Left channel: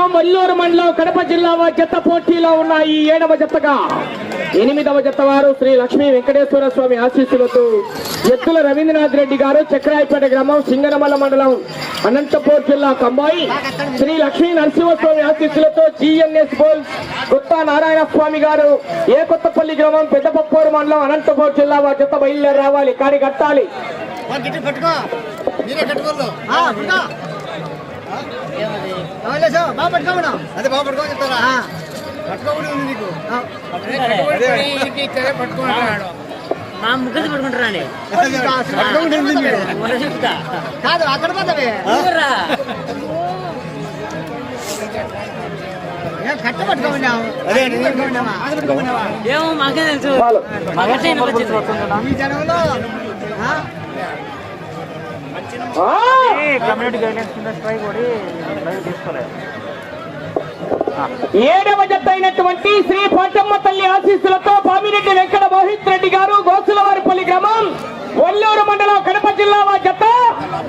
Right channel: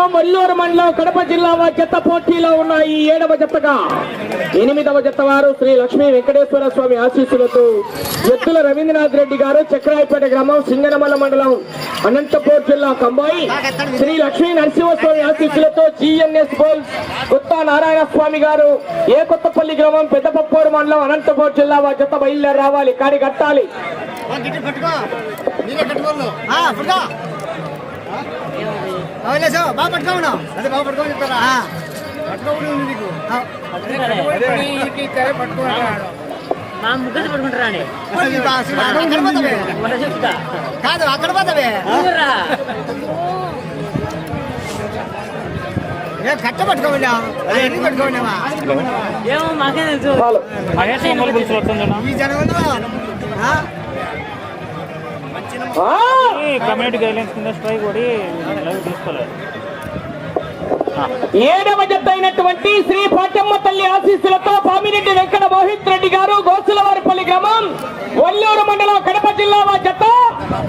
గ్రామం మల్లూరు మండలం కడప జిల్లా జత పోటీలో ఉన్నాయి ఏడవ జతగా ఎనిమిదవ జత వారు శ్రీ లక్ష్మీ వెంకటేశ్వర స్వామి ఆశీస్సులతో ఎత్తుల రవీంద్రనాథ్ రెడ్డి గారు చక్రాయపేట గ్రామం సింగనమల్ల మండలం అనంతపూర్ జిల్లా కంబాయి. శ్రీ లక్ష్మీ నరసింహస్వామి ఆశీస్సులతో జిఎన్ఎస్ బోల్స్ కొత్త నారాయణ స్వామి గారు ఏ కొత్తపల్లి గ్రామం పెద్దపప్పూరు మండలం అనంతపూర్ జిల్లా వారి జత బయలుదేరి రావాలి కాడి కట్టాలి గిట్టి పట్టుకో మీరే కట్టుకోరు పట్టుకో అవలేసా బాగా పట్టుకోమన్నా అదే బాగా పట్టుకో చెప్తారా? పట్టుకోకుండా నీకు. మా ముగ్గురు పడుకుంటారండి కాదు అక్కడ పోతావే! కమ్యూనిటీ గైడ్లైన్స్ కింద స్ట్రైక్ కొడి. ఏడవ జత అయినటువంటి శ్రీ పాటమ్మ తల్లి ఆశీస్సులతో పామిరెడ్డి వెంకట మోహిత్ రెడ్డి గారు గోసులవారిపల్లి గ్రామం వల్లూరు మండలం కడప జిల్లా వారి జత.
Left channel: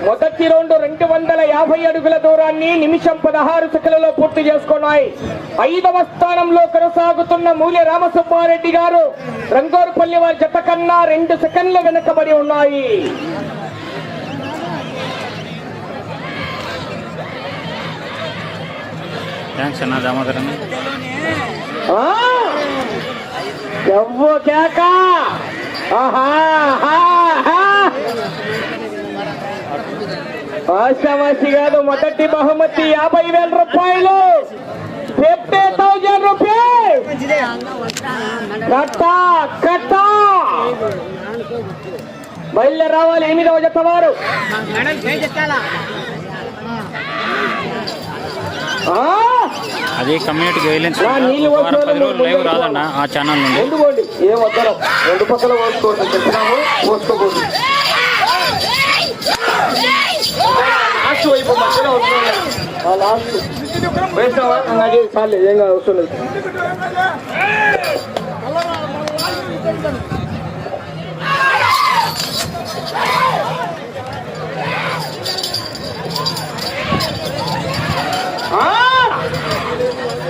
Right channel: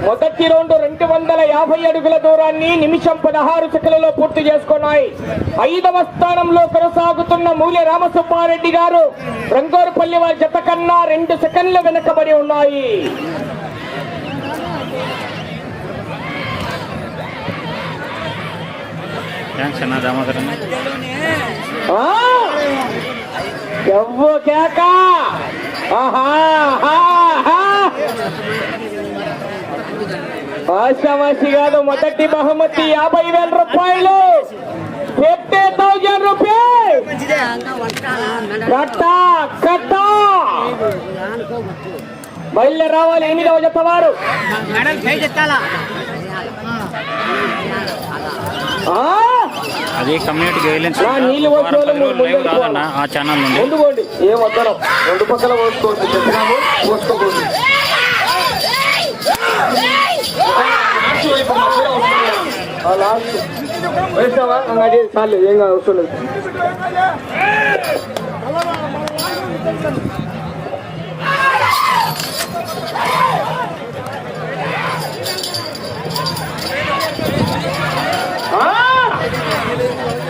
మొదటి రౌండ్ రెండు వందల యాభై అడుగుల దూరాన్ని నిమిషం పదహారు సెకండ్లలో పూర్తి చేసుకున్నాయి. ఐదవ స్థానంలో కొనసాగుతున్న మూల్య రామసుబ్బారెడ్డి గారు రంగోరుపల్లి వారి జత కన్నా రెండు సెకండ్లు వెనకబడి ఉన్నాయి. థ్యాంక్స్ అన్న. దామోదరన్ ఆ! ఎవ్వో కేక! ఆహా, ఆహా, ఆహా. ఆశామాషి కాదు మొదటి బహుమతి యాభై వేల రూపాయలు. Fifty thousand rupees. కట్ట కట్ట! బయలుదేరి రావాలి ఎనిమిదవ జత వారు. మేడం! అది కమ్యూనిటీ గైడ్లైన్స్ ఒక వారం పది రోజులు లైవ్ రాదన్న ఆ ఛానల్ నుండి. ఏం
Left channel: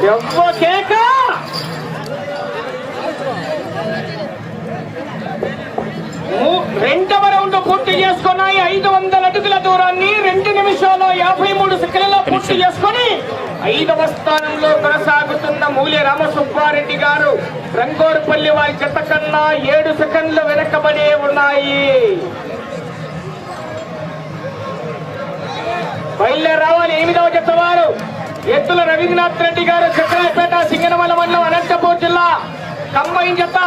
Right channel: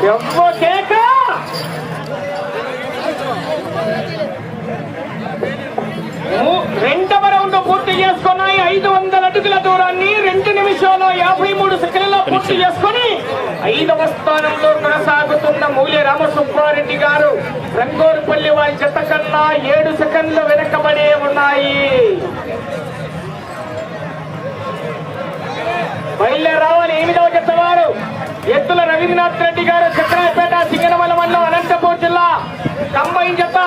ఎవ్వ కేక రెండవ రౌండ్ పూర్తి చేసుకున్నాయి. ఐదు వందల అడుగుల దూరాన్ని రెండు నిమిషాల యాభై మూడు సెకండ్లలో పూర్తి చేసుకొని ఐదవ స్థానంలో కొనసాగుతున్న మూల్య రామసుబ్బారెడ్డి గారు. రంగోరుపల్లి వారి జత కన్నా ఏడు సెకండ్లు వెనకబడి ఉన్నాయి. బయలుదేరి రావాలి. ఎనిమిదవ జత వారు ఎత్తుల రెడ్డి గారు చక్రాయపేట సింగనమల మండలం అనంతపూర్ జిల్లా కంబైన్ జత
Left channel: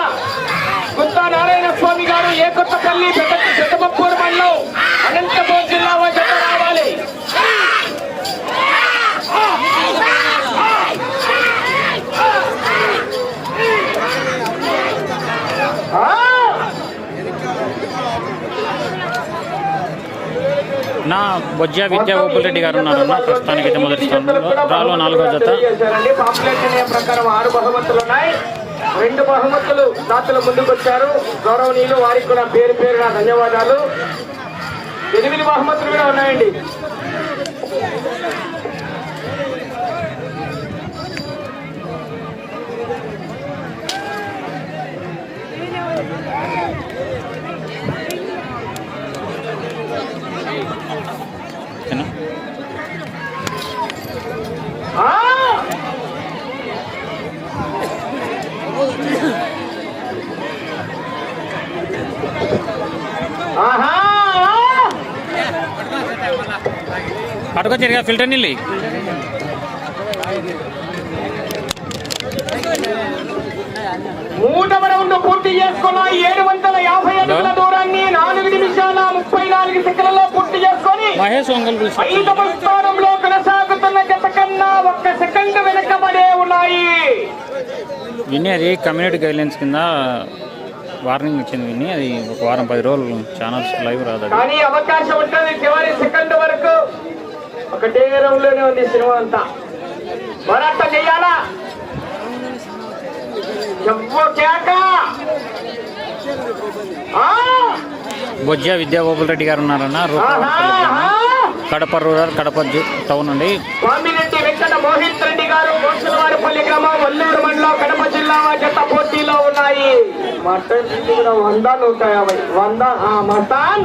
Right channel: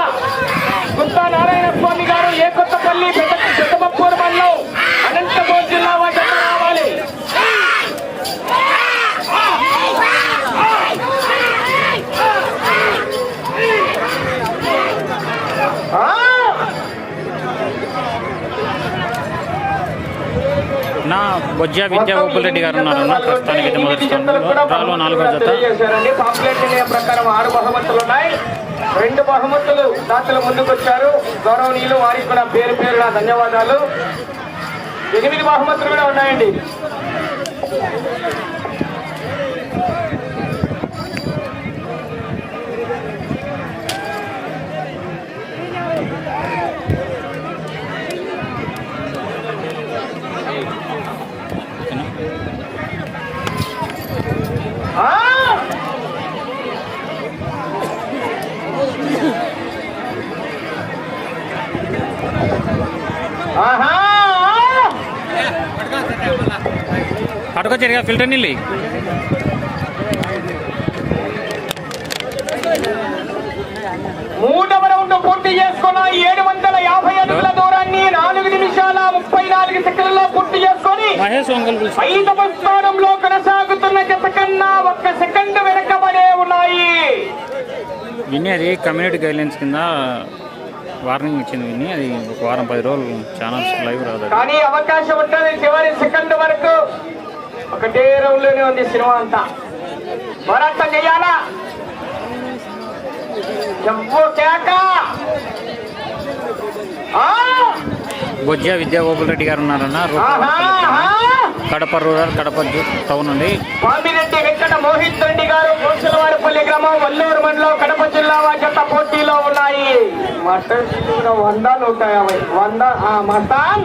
గుత్తా నారాయణ స్వామి గారు ఏ కొత్తపల్లి పెద్ద పెద్దపూర్ మండలం అనంతపూర్ జిల్లా వారి జత రావాలి ఆ! నా బొజ్జా విద్యా గోపాల్ రెడ్డి గారు ఉన్నారన్న ప్రస్తుతానికి అయితే మొదటి స్థానంలో రాలో నాలుగో జత. రెండు బహుమతులు దాతలు ముందుకొచ్చారు గౌరవనీయులు వారికి కూడా పేరు పేరున ధన్యవాదాలు. ఎనిమిది బహుమతులు కూడా ఉన్నాయండి. అటుకొచ్చారు కదా ఫిల్టర్ నీళ్ళు మూడవ రౌండ్ పూర్తి చేసుకున్న ఏడు వందల యాభై అడుగుల దూరాన్ని నాలుగు నిమిషాల ముప్పై నాలుగు సెకండ్లలో పూర్తి చేసుకొని మహేష్ ఒంగోలు పిలిచి ఐదవ స్థానంలో కొనసాగుతున్న జత కన్నా ఒక్క సెకండ్ వెనకబడే ఉన్నాయి. విని అది కమ్యూనిటీ గైడ్లైన్స్ కింద వార్నింగ్ ఇచ్చింది విని అది ఒక వారం పది రోజులు ఛానల్ లైవ్ రాదు కానీ అవకాశం ఉంటుంది చివరి సెకండ్ వరకు ఒకటే రౌండ్లోనే ఉంది సినిమా అంతా. మరంత చెయ్యాలా ఎవ్వో కేక. ఆ! బొజ్జ విద్యాగోపుల్ రెడ్డి గారు ఉన్నారన్న కడప రూరల్ కడప టౌన్ అండి. స్వామిరెడ్డి వెంకట మోహిత్ రెడ్డి గారు గ్రామం వల్లూరు మండలం కడప జిల్లా జత పోటీలో ఉన్నాయి. మటన్ వంద నూట యాభై వంద మటన్.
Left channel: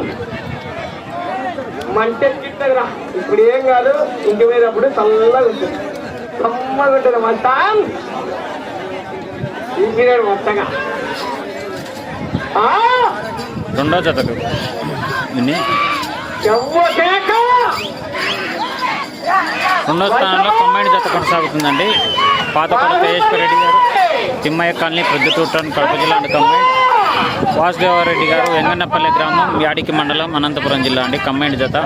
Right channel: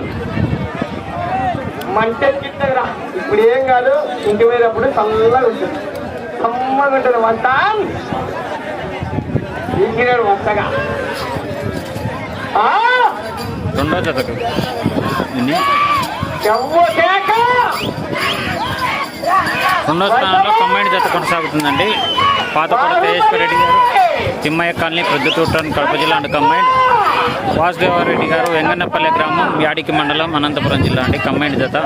మంట గిట్టరా ఇప్పుడు ఏం కాదు ఇంటి పోయినప్పుడు చల్లగా ఉంటుంది. సమ్మగా ఉంటుంది వంటగా రెండో రెండో స్థానంలో కంబైండ్ జత కొనసాగుతుందండి. పాతకోట తేజేశ్వర రెడ్డి గారు తిమ్మయ్య కాలనీ ప్రొద్దుటూటన్ కడప జిల్లా అండ్ కంబైండ్ వాసుదేవారెడ్డి గారు వెంగన్నపల్లి గ్రామం యాడికి మండలం అనంతపురం జిల్లా అండి. కంబైండ్ జత.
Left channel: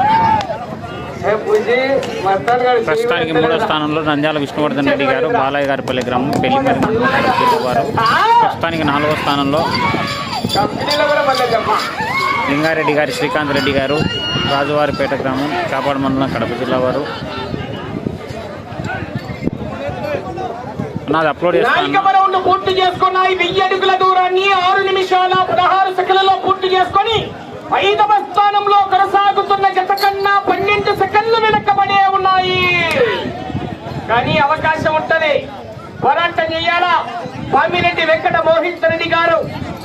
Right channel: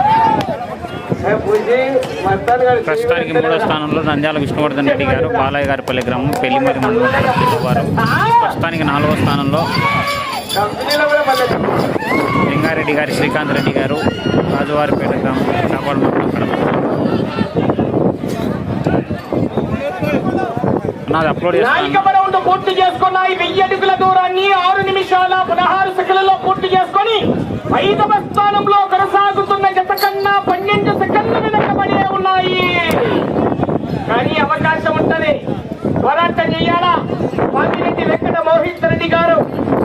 ప్రస్తుతానికి మూడో స్థానంలో నంద్యాల విష్ణువర్ధన్ రెడ్డి గారు బాలయ్య గారిపల్లి గ్రామం పెళ్ళిమరి మండలం వారు. ప్రస్తుతానికి నాలుగో స్థానంలో లింగారెడ్డి గారి శ్రీకాంత్ రెడ్డి గారు రాజువారిపేట గ్రామం చాపాడు మండలం కడప జిల్లా వారు. నాది అప్లోడ్ చేస్తాను పూర్తి చేసుకున్నాయి. వెయ్యి అడుగుల ఐదవ స్థానంలో కొనసాగుతున్న జత కన్నా పన్నెండు సెకండ్ల వెనకబడే ఉన్నాయి. కానీ అవకాశం ఉంటది. పోరాటం చెయ్యాలా స్వామిరెడ్డి వెంకట మోహిత్ రెడ్డి గారు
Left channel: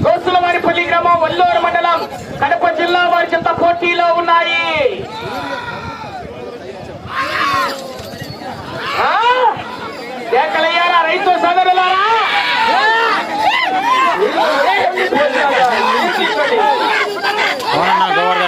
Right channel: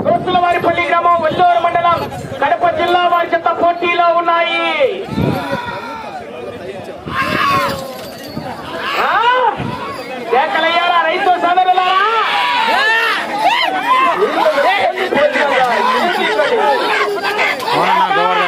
కోసులవారిపల్లి గ్రామం వల్లూరు మండలం కడప జిల్లా వారి జత పోటీలో ఉన్నాయి. రైతు అవునన్నా గోవర్ధన్ అన్న ఎవ్వో కేక ఆహా. వందల వంద వంద నూట యాభై వంద నూట యాభై చొక్కు అయ్యా రసం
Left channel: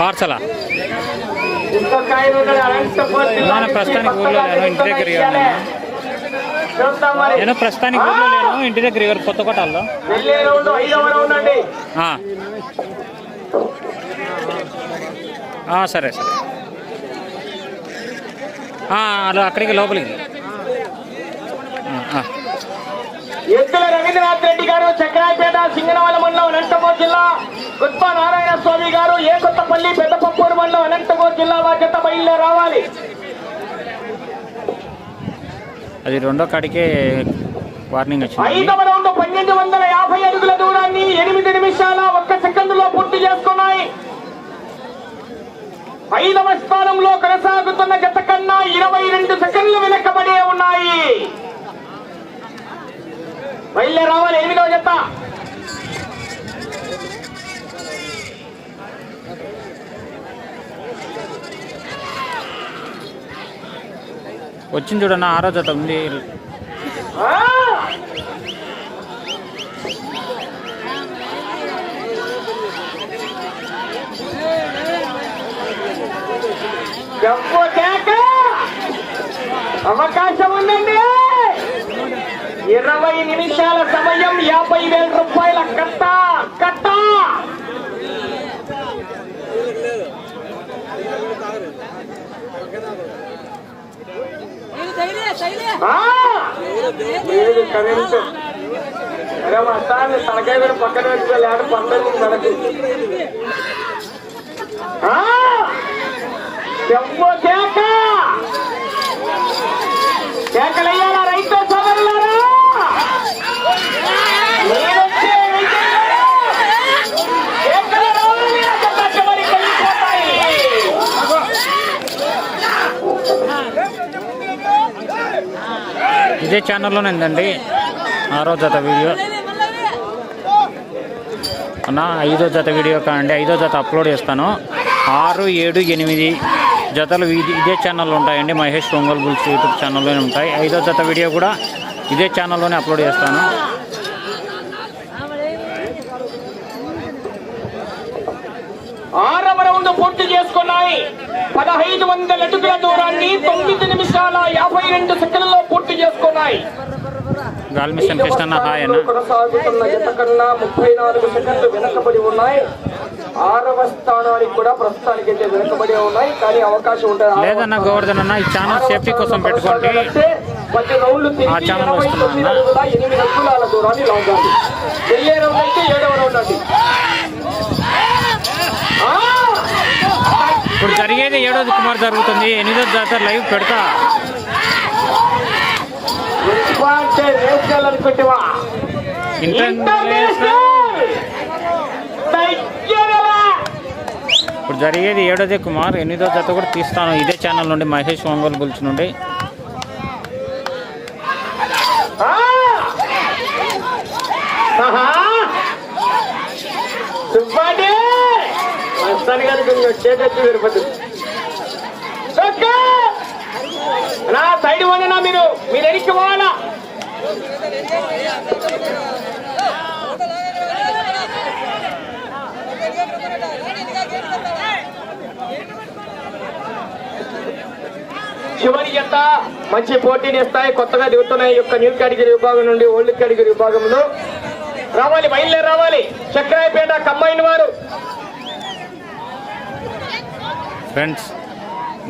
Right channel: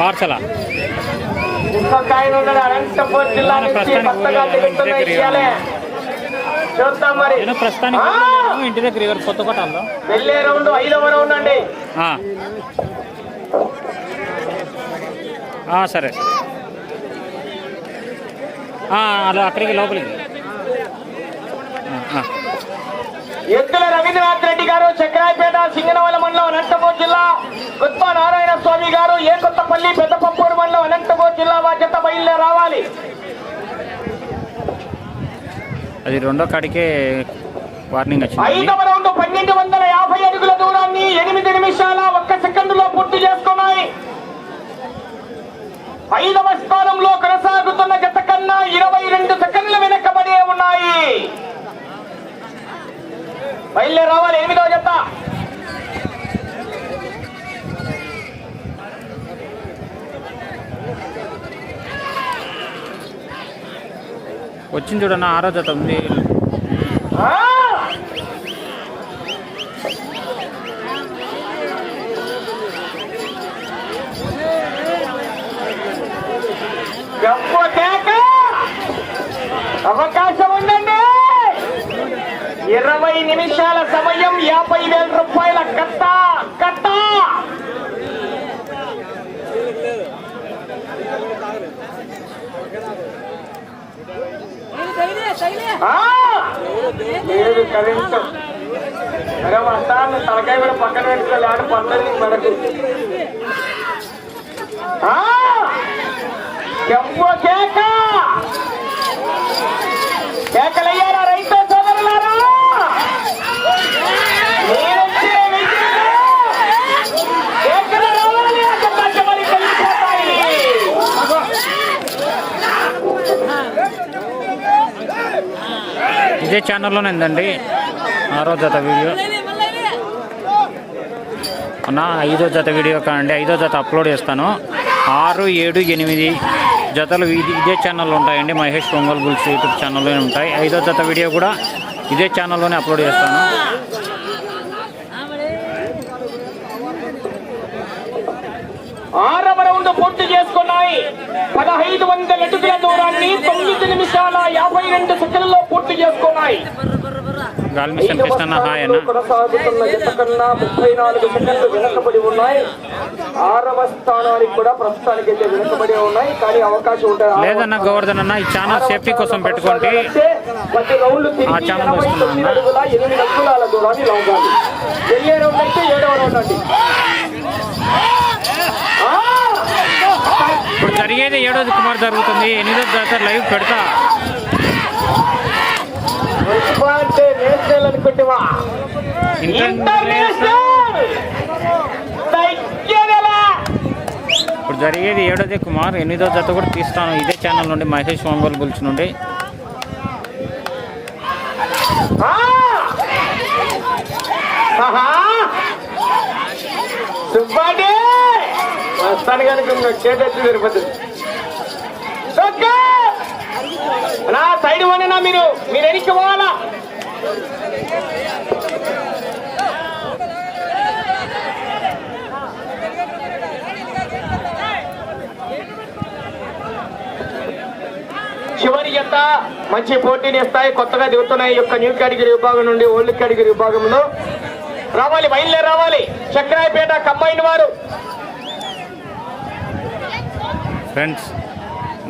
పార్సలా? నుంచి ప్రస్తుతానికి ఊర్లో లేను, ఇంటి దగ్గర నేను ప్రస్తుతానికి ఊర్లో లేను ఇంటి దగ్గర ఇక్కడ కొత్త కొట్టాల్లో వెళ్ళే రౌండ్ ఐదవ రౌండ్ అండి ఆ. ఆ, సరే సరే. ఆ, అలా అక్కడికి లోపలికి. ఆ, ఆ. ఎద్దుల రవీంద్రనాథ్ రెడ్డి గారు అది రెండో కాడికే వార్నింగ్ వచ్చింది. ఐదవ వందల యాభై దూరాన్ని ఎనిమిది నిమిషాల ఒక్క పూర్తి ఐదవ స్థానంలో కొనసాగుతున్న జత కన్నా ఇరవై రెండు సెకండ్ల వెనకబడే ఉన్నాయి. బయలుదేరి రావాలి ఎనిమిదవ జత వచ్చింది చూడన్న ఆరో జత ఉంది ఆ! గొప్ప కేక! అవకాశం ఉందండి ఇరవై నిమిషాల సమయం యాభై వేల రూపాయల కట్ట కట్ట ఆ! లేదు కరెంట్. వస్తాను తలకాయ మీద పక్కన పెట్టుకోవాలి పక్కన మనకు కేక? కేకలయ్యారా రైతు సోదరులారా? ఇదే ఛానల్లోనే ఉందండి. ఆరో జత వీడియో. నా ఐదో జత వీడియో కాండి ఐదో జత అప్లోడ్ చేస్తాను. ఆరు ఏడు ఎనిమిది జతలు ఇదే ఛానల్లో ఉంటాయండి. మహేష్ పొంగల్ బుల్స్ యూట్యూబ్ ఛానల్లోనే ఉంటాయి. ఐదో జత వీడియో కూడా ఇదే ఛానల్లోనే అప్లోడ్ చేస్తాను ఆరవ రౌండ్ పూర్తి చేసుకున్నాయి పదహైదు వందల అడుగుల దూరాన్ని తొమ్మిది నిమిషాల యాభై రెండు సెకండ్లలో పూర్తి చేసుకున్నాయి గాలి మిషన్ కృష్ణన్న హాయ్ అన్న. కొనసాగుతున్న జత కన్నా ముప్పై నాలుగు సెకండ్లు వెనుకబడి ఉన్నాయి. ఆరవ స్థానానికి కూడా ప్రస్తుతానికి అయితే వెనుకబడి ఉన్నాయి కానీ అవకాశం ఉంటుంది? లేదన్న గోవర్ధన్ అన్న ఈ ఛానల్ సేఫ్టీ కోసం పెట్టుకోండి. ఆ ఛానల్ వస్తున్నా అన్న. ఇప్పుడు జరిగేది ఏడోది కుమార్ జరుగుతుంది ఎనిమిదో జాతర లైవ్ పెడతా అంటే ఇప్పుడు జరిగేది ఏడోది కుమార్ ఎనిమిదో జత కూడా తీస్తాను. ఇదే ఛానల్ నుండి మహేష్ ఒంగోలు గురించి నుండి. నా సైడ్ వండినా మీరు. మీరు ఎనికి పోవాలా? చివరి జత మంచి పోటీని ఇస్తాయి. కొత్తగా దిగుతున్నాయి యొక్క న్యూ కేటగిరీ విభాగం నుండి ఓల్డ్ కేటగిరీ విభాగంలో రావాలి బయలుదేరి రావాలి. చక్రాయపేట కంబైన్ వారు. ఫ్రెండ్స్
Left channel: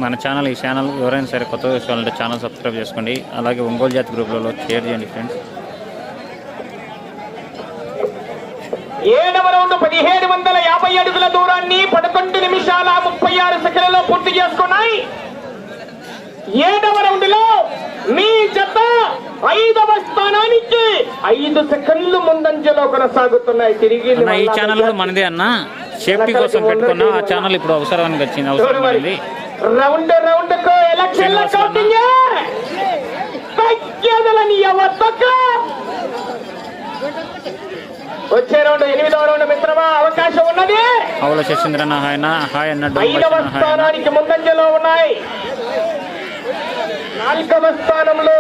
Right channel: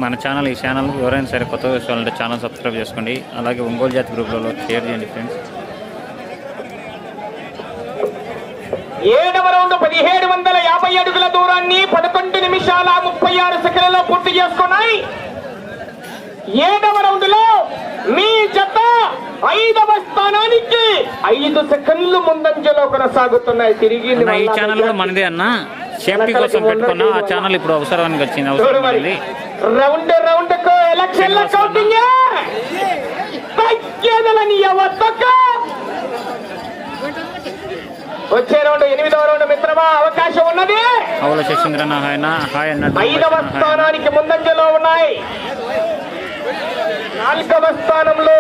మన ఛానల్ ఈ ఛానల్ ఎవరైనా సరే కొత్తగా చూడాలంటే ఛానల్ సబ్స్క్రైబ్ చేసుకోండి. అలాగే ఒంగోలు జాతి గ్రూప్లలో షేర్ చేయండి ఫ్రెండ్స్ ఏడవ రౌండ్ పదిహేడు వందల యాభై అడుగుల దూరాన్ని పదకొండు నిమిషాల ముప్పై ఆరు సెకండ్లలో పూర్తి చేసుకున్నాయి. ఏడవ రౌండ్లో మీ జత ఐదవ స్థానానికి ఐదు సెకండ్లు ముందంజలో కొనసాగుతున్నాయి. తిరిగి ఈ ఛానల్ కూడా మనదే అన్న. సేఫ్టీ కోసం పెట్టుకున్నా. ఆ ఛానల్ ఇప్పుడు అవసరానికి వచ్చింది అవసరం పడింది. రౌండ్ రౌండ్కు ఎలక్షన్ శ్రీనివాసులు అన్న. వచ్చే రౌండ్ ఎనిమిదవ రౌండ్ మిత్రమా అవకాశం ఉన్నది. అవుల శశీంద్రన్న హాయన హాయ్ అన్న డబ్బు ఐదవ స్థానానికి ముందంజలో ఉన్నాయి. నాలుగవ స్థానంలో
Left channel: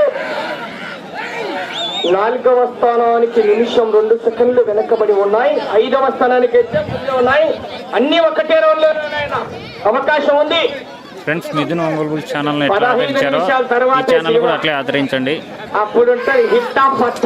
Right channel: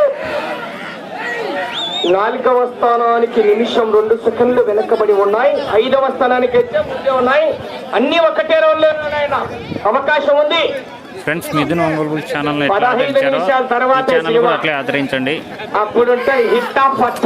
నాలుగవ స్థానానికి నిమిషం రెండు సెకండ్లు వెనకబడి ఉన్నాయి. ఐదవ స్థానానికి అయితే ఉన్నాయి. అన్ని ఒకటే రౌండ్లో అవకాశం ఉంది. ఫ్రెండ్స్ మిథున్ ఒంగోలు ఛానల్ ఎట్లా ఆదరించారో ఈ ఛానల్ కూడా అట్లే ఆదరించండి. అప్పుడుంటే హిట్ ఆఫ్ పచ్చ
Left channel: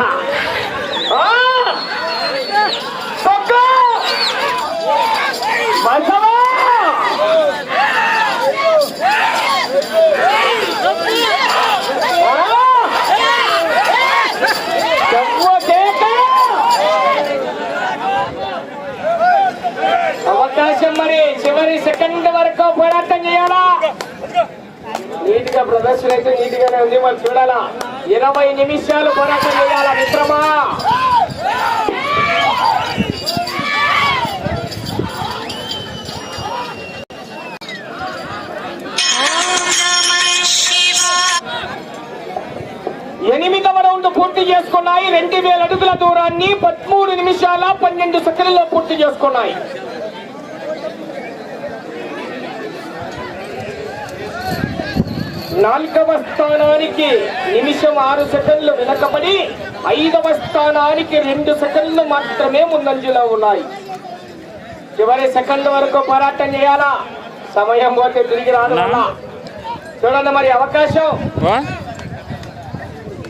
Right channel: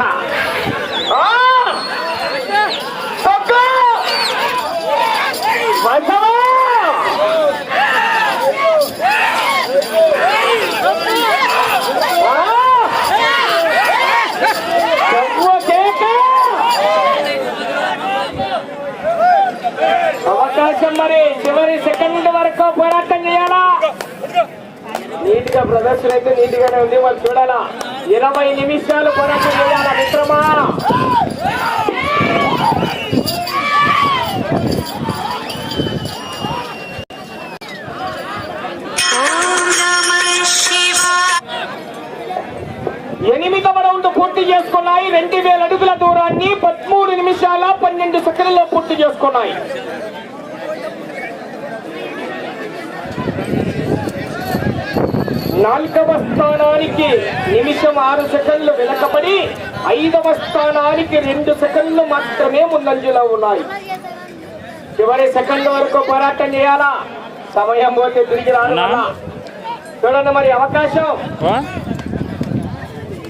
అవకాశం మరి చివరి సెకండ్ వరకు పోరాటం చేయాలా నీట్గా ప్రదర్శన అయితే నీట్ గానే ఉంది. మనం చూడాలా? ఇరవై నిమిషాలు పోరాటం చేయాలా మిత్రమా? ఎనిమిదవ రౌండ్ పూర్తి చేసుకున్నాయి. రెండు వేల అడుగుల దూరాన్ని పదమూడు నిమిషాల పన్నెండు సెకండ్లలో పూర్తి చేసుకున్నాయి. నాలుగవ స్థానానికి నిమిషం ఆరు సెకండ్లు వెనకబడి ఐదవ స్థానానికి రెండు సెకండ్లు మాత్రమే ముందంజలో ఉన్నాయి. చివరి సెకండ్ వరకు పోరాటం చేయాలా? సమయం పోతే తిరిగి అన్నా? చూడండి మరి అవకాశం?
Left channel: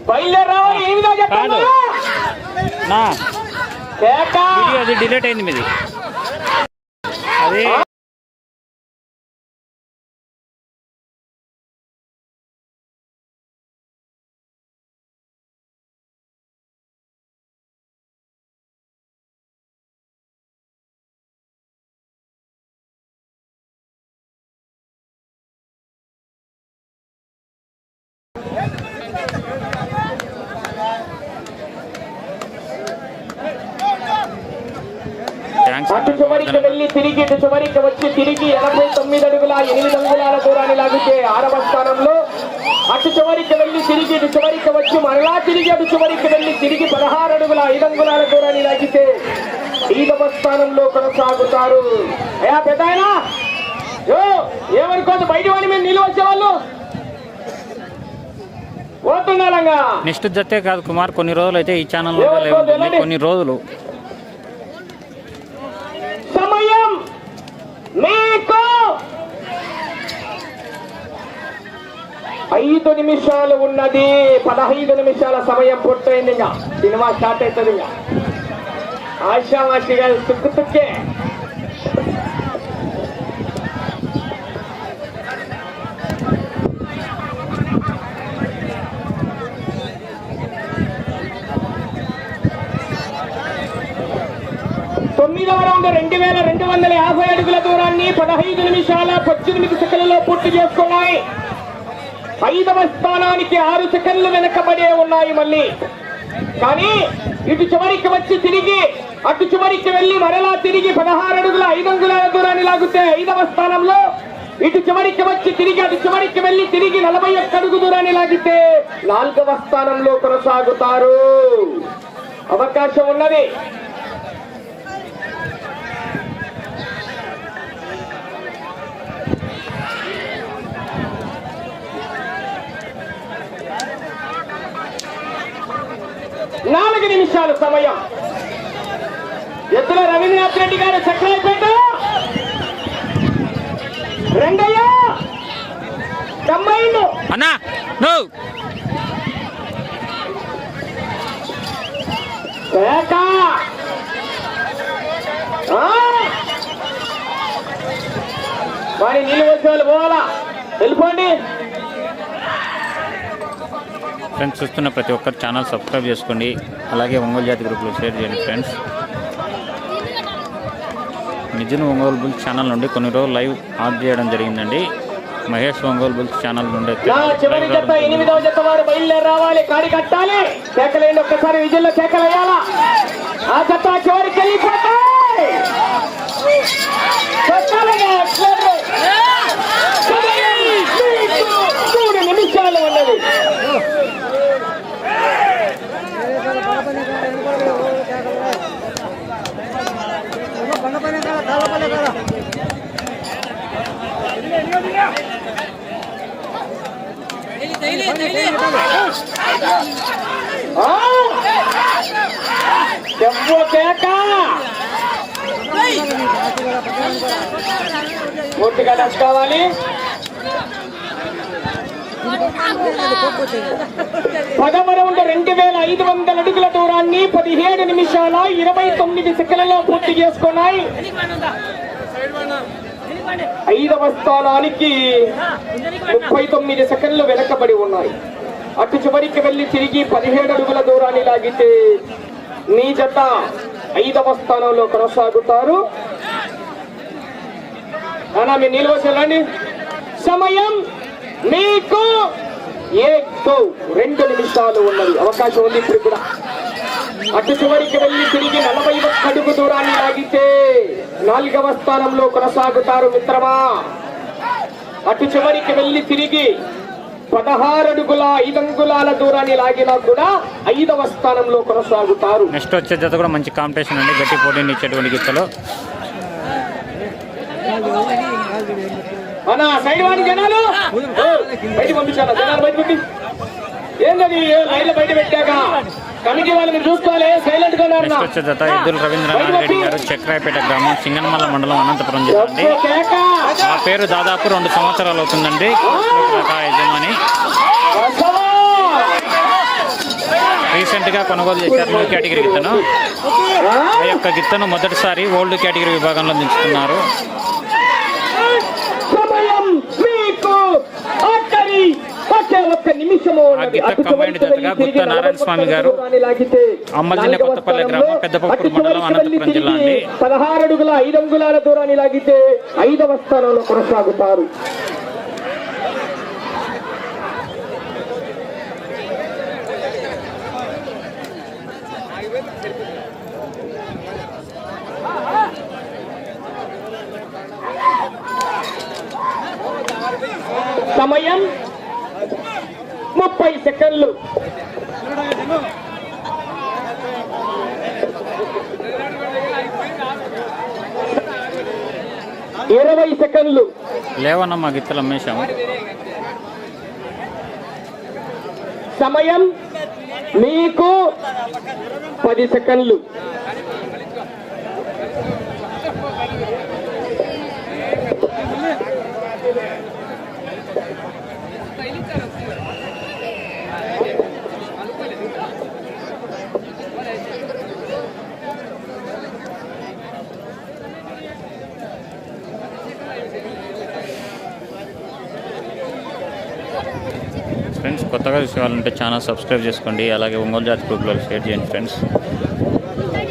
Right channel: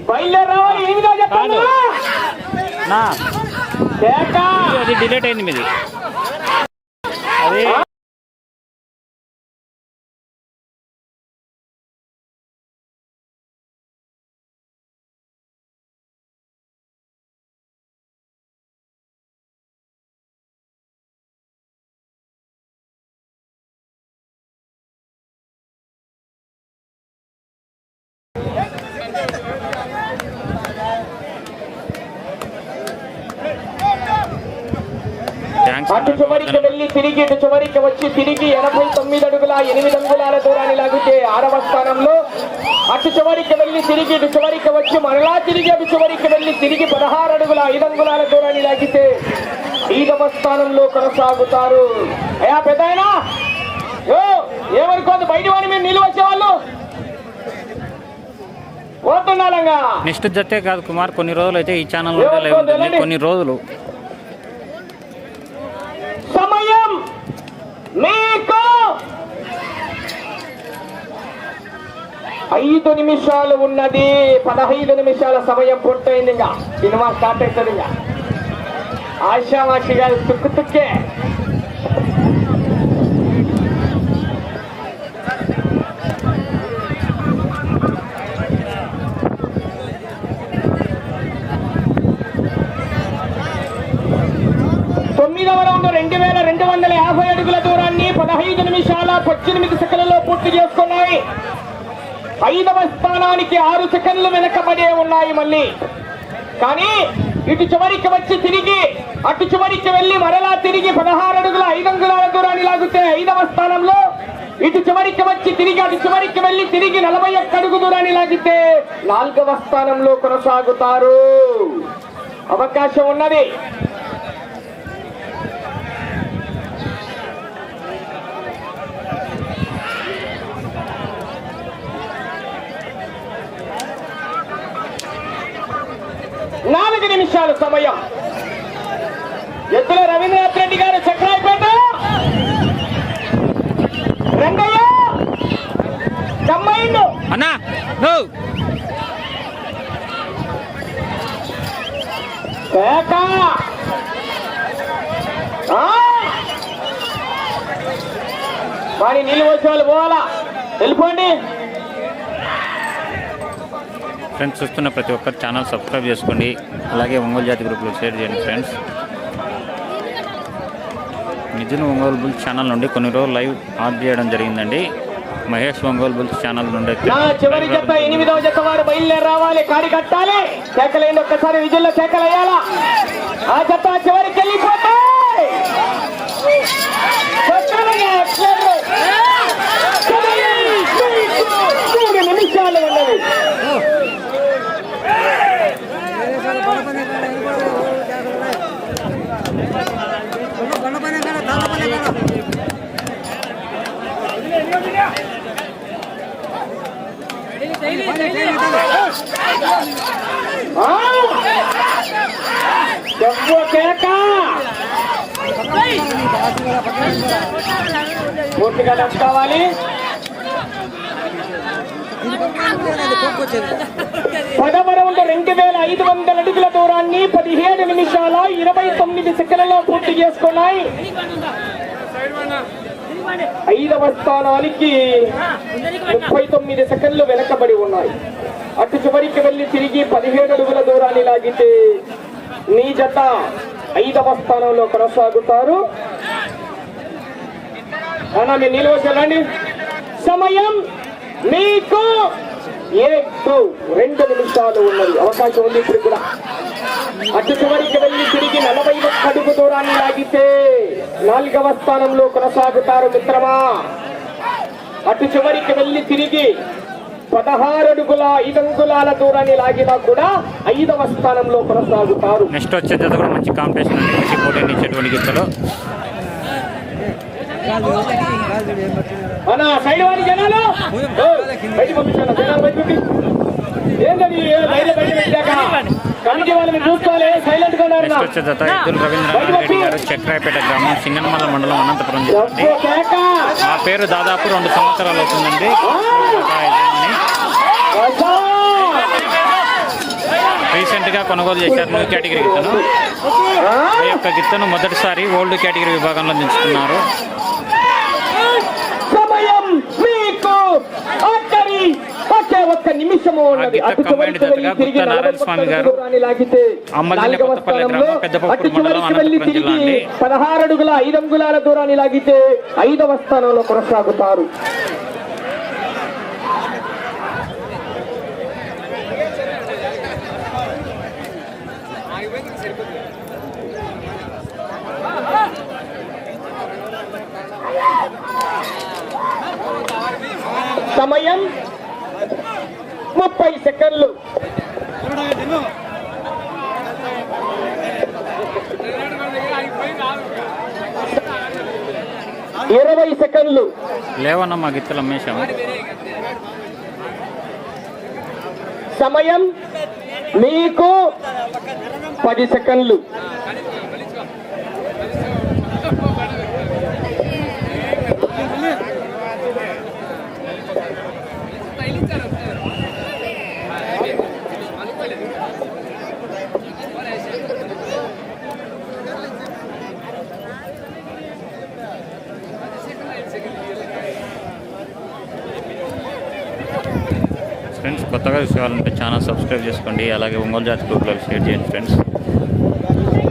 బయలుదేరాలి అది డిలీట్ అయింది మీది. అది అటు. వెళ్ళి తిరిగి ఇటు చివరికి వచ్చి తిరిగి ఎనభై తొమ్మిది అడుగుల ఎనిమిది అంగుళాల దూరాన్ని లాగితే ఆరవ స్థానంలో అటు చివరికి వెళ్ళి తిరిగి ఇటు చివరికి వచ్చి మరలా తిరిగి అటు చివరికి వెళ్ళి తిరిగి పదహారు అడుగుల ఐదు అంగుళాల దూరాన్ని లాగితే ఐదవ స్థానంలో కొనసాగుతారు. ఏ పెద్ద ఏమనుకోదు బయట వాడి మీద నీళ్ళు వచ్చేవాళ్ళు. నెక్స్ట్ జతే కాదు కుమార్ కొన్ని రోజులు అయితే ఈ ఛానల్ లైవ్ ఉంటుంది. కొన్ని రోజులు. ఐదు నిమిషాలు ఉన్నది. పదహైదు నిమిషాల సమయం పూర్తయింది ఇంకా. సినిమా స్టార్ట్ అవుతుంది ఇంకా. ఆశావాసి గారు తుక్కు తుక్కే. తొమ్మిదవ రౌండ్ రెండు వేల రెండు వందల యాభై అడుగుల దూరాన్ని పదహైదు నిమిషాల పద్దెనిమిది సెకండ్లలో పూర్తి చేసుకున్నాయి ఐదవ స్థానానికి ఆరు సెకండ్లు వెనకబడే ఉన్నాయి మళ్ళీ. కానీ ఇటు చివరికి వచ్చి తిరిగి అటు చివరికి వెళ్ళి మరలా తిరిగి పదహారు అడుగుల ఐదు అంగుళాల దూరాన్ని లాగితే ఐదవ స్థానంలో ఇటు చివరికి వచ్చి తిరిగి అటు చివరికి వెళ్ళి తిరిగి నలభై ఒక్క అడుగు దూరాన్ని లాగితే నాలుగవ స్థానంలో కొనసాగుతారు. అవకాశం ఉన్నది నాలుగు నిమిషాల సమయం. ఎద్దుల రవీంద్రనాథ్ రెడ్డి గారు చక్రాలపేట. రంగయ్య తమ్మైండు. అన్నా పేట! వారి నీళ్ళు వచ్చే వాళ్ళు పోవాలా? వెళ్ళిపోండి ఫ్రెండ్స్ చూస్తున్న ప్రతి ఒక్కరు ఛానల్ సబ్స్క్రైబ్ చేసుకోండి. అలాగే ఒంగోలు జాతి గ్రూప్లో షేర్ చేయండి friends. Mithun Ongole bulls channel నుండి కొన్ని రోజులు లైవ్ ఆఫ్ చేయడం జరిగిందండి. మహేష్ ఒంగోలు బుల్స్ ఛానల్ నుండి నా చివరి లైవ్ జత రావడం జరిగింది. ఎనిమిదవ జత వారు బయలుదేరి రావాలి కాడి కట్టాలి కేకలేండి ఒక్కసారి విజయంలో కేకలేయాలా ఆ జత చివరికి వెళ్ళిపోతాయి కొట్టాలిగా, ఎట్లేదు. సమయం మీకు మూడు నిమిషాలు ఉన్నది బండ పైన కాడ తాళ్ళ పైన కాడ ఆ? చెప్పు కేక పూర్తిగా కావాలి. పదవ రౌండ్ రెండు వేల ఐదు వందల అడుగుల దూరాన్ని పదిహేడు నిమిషాల ఇరవై తొమ్మిది సెకండ్లలో పూర్తి చేసుకున్నాయి. ఐదవ స్థానానికి ముప్పై తొమ్మిది సెకండ్లు వెనకబడి ఉన్నాయి. అటు చివరికి వెళ్ళి తిరిగి పదిహేడు అడుగుల దూరాన్ని లాగితే మీ జత ఐదవ స్థానంలో కొనసాగుతారు. అన్నా మీరు నిల్వ చెల్లండి సమయం మీకు ఏడు రెండు నిమిషాలు ఉన్నది. అవకాశం ఉంది ఇప్పుడు కూడా. అటు చివరికి వెళ్ళి తిరిగి నలభై ఒక్క అడుగు దూరాన్ని లాగితే నాలుగవ స్థానంలో కొనసాగుతారు మిత్రమా. అటు చివరికి వెళ్ళి తిరిగి పదహారు అడుగుల ఐదు అంగుళాల దూరాన్ని లాగినా కూడా ఐదవ స్థానంలో కొనసాగుతారు. నెక్స్ట్ వచ్చే జత కూడా మంచి కాంపిటీషన్ అండి. గట్టి పోటీని ఇచ్చేటువంటి గీతలో సైడ్ వాడి జనాలు ఓ, బయటకు పంపించాలా? జనాలు బయట పంపి. ఏంటది? బయట బయట పెట్టాక? కమిటీ వాళ్ళని చూసుకోవాలి సైలెంట్గా ఉన్నారు. నెక్స్ట్ వచ్చే జత ఎద్దుల రవీంద్రనాథ్ రెడ్డి గారు చక్రాయపేట గ్రామం సింగనమల్ల మండలం అనంతపురం ఆ పేరు దాదాపు రెండు సంవత్సరాలు అవుతుందండి. రీసెంట్గా కొనుగోలు చేశారు న్యూ కేటగిరీ గిత్తను. ఆ? యొక్క గిత్తను మొదటిసారి ఓల్డ్ కేటగిరీ విభాగంలో దించుకున్నారు సమయం మీకు ఆఖరి combined చివరికి జతగా గుత్తా నారాయణ స్వామి గారు అమ్మల్దిన కొత్తపల్లి గ్రామం, అటు మండలం, అనంతపురం జిల్లా అండి. పదహారు అడుగుల ఐదు అంగుళాల దూరాన్ని లాగితే ఐదవ స్థానంలో కొనసాగుతారు సమయం ముప్పై సెకండ్లు. ఇరవై సెకండ్లు. లేవన్న మా గిత్తలు అమ్మేశాము. సమయం మీకు పది సెకండ్లు ఫ్రెండ్స్ కొత్తగా చూసేవాళ్ళంటే ఛానల్ సబ్స్క్రైబ్ చేసుకోండి. అలాగే ఒంగోలు జాతి గ్రూప్లో షేర్ చేయండి ఫ్రెండ్స్.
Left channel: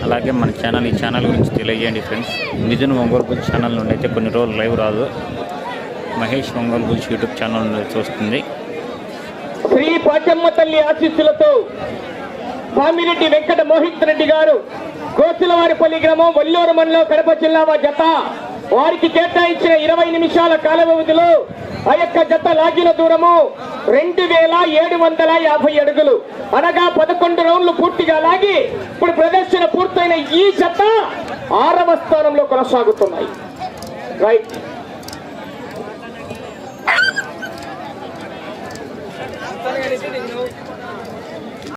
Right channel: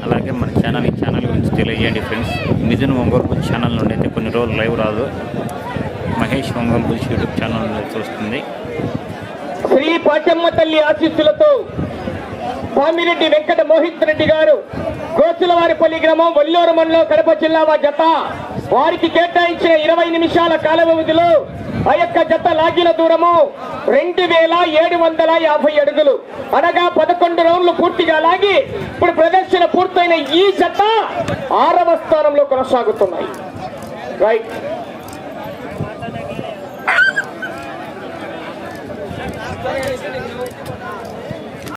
అలాగే మన ఛానల్ ఈ ఛానల్ గురించి తెలియజేయండి ఫ్రెండ్స్. మిథున్ ఒంగోలు గురించి ఛానల్ నుండి అయితే కొన్ని రోజులు లైవ్ రాదు. మహేష్ ఒంగోలు గురించి యూట్యూబ్ ఛానల్ నుండి చూస్తుంది శ్రీ పాచమ్మ తల్లి ఆశీస్సులతో స్వామిరెడ్డి వెంకట మోహిత్ రెడ్డి గారు గోసులవారిపల్లి గ్రామం వల్లూరు మండలం కడప జిల్లా వారి జత. వారికి కేటాయించిన ఇరవై నిమిషాల కాల వ్యవధిలో ఆ యొక్క జత లాగిన దూరము రెండు వేల ఏడు వందల యాభై అడుగులు. అనగా పదకొండు రౌండ్లు పూర్తిగా లాగి ఇప్పుడు ప్రదర్శన పూర్తయిన ఈ జత ఆరవ స్థానంలో కొనసాగుతున్నాయి రైట్